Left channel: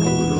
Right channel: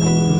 Guru.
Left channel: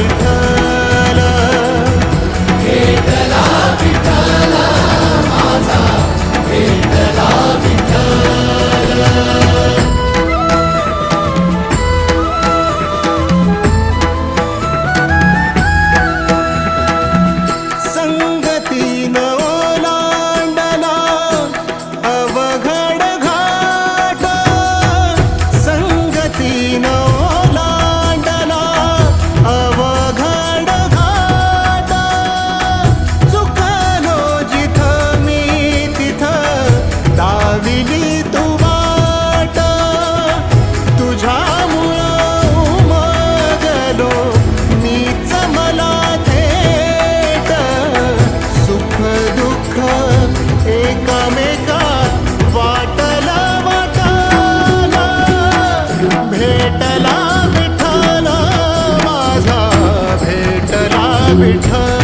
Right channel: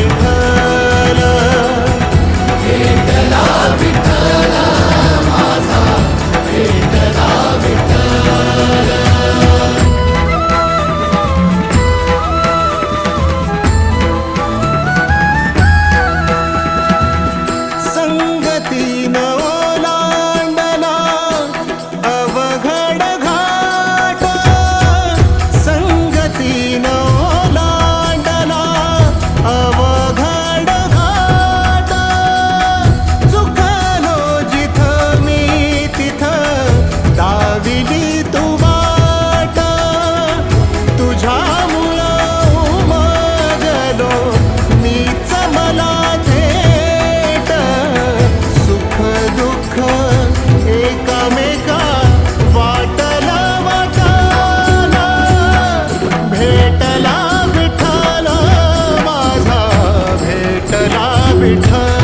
விட்ட एकामेका वाटला वाटाला भेटला विठ्ठला माझा भेटला विठ्ठला.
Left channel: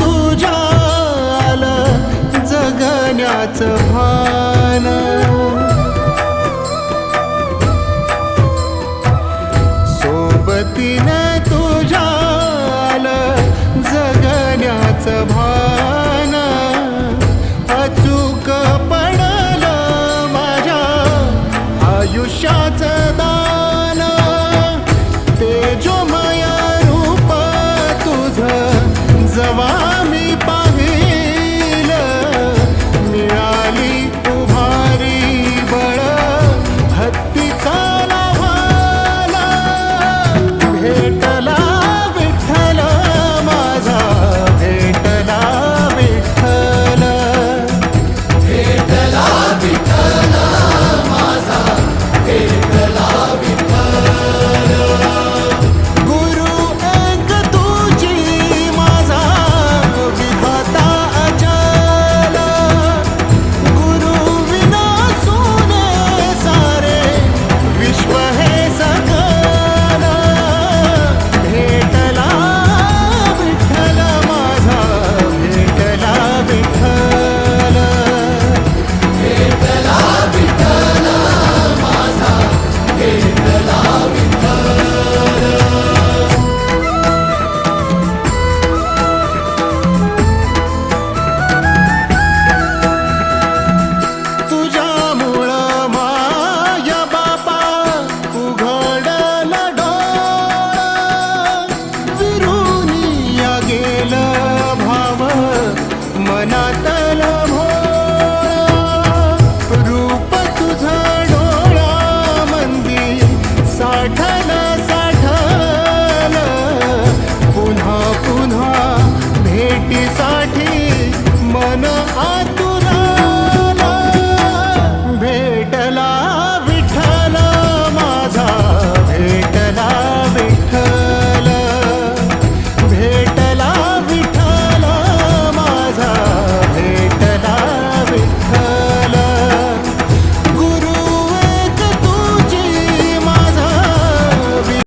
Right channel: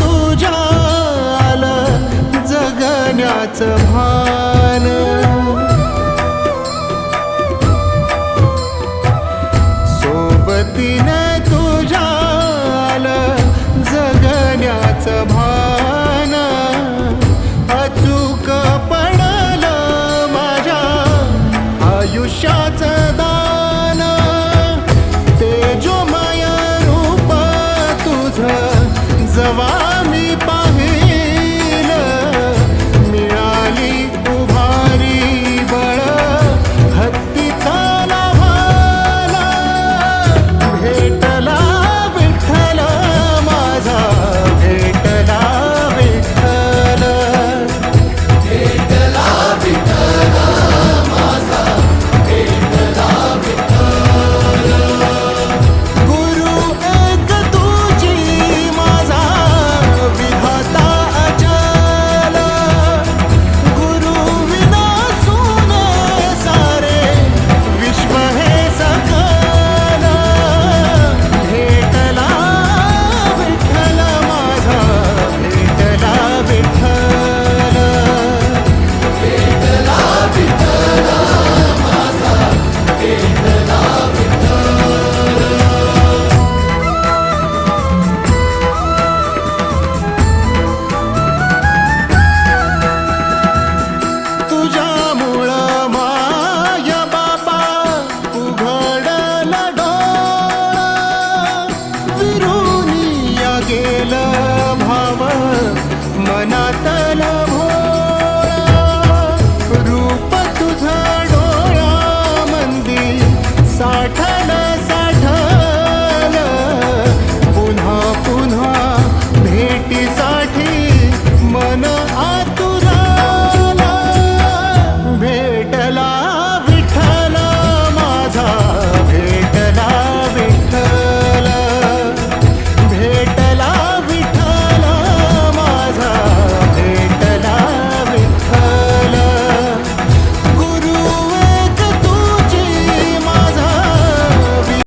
तुझ्या आलं जगण्याचं भान. सोबतीनं तुझ्या आलं जगण्याचं भान. ना आ तू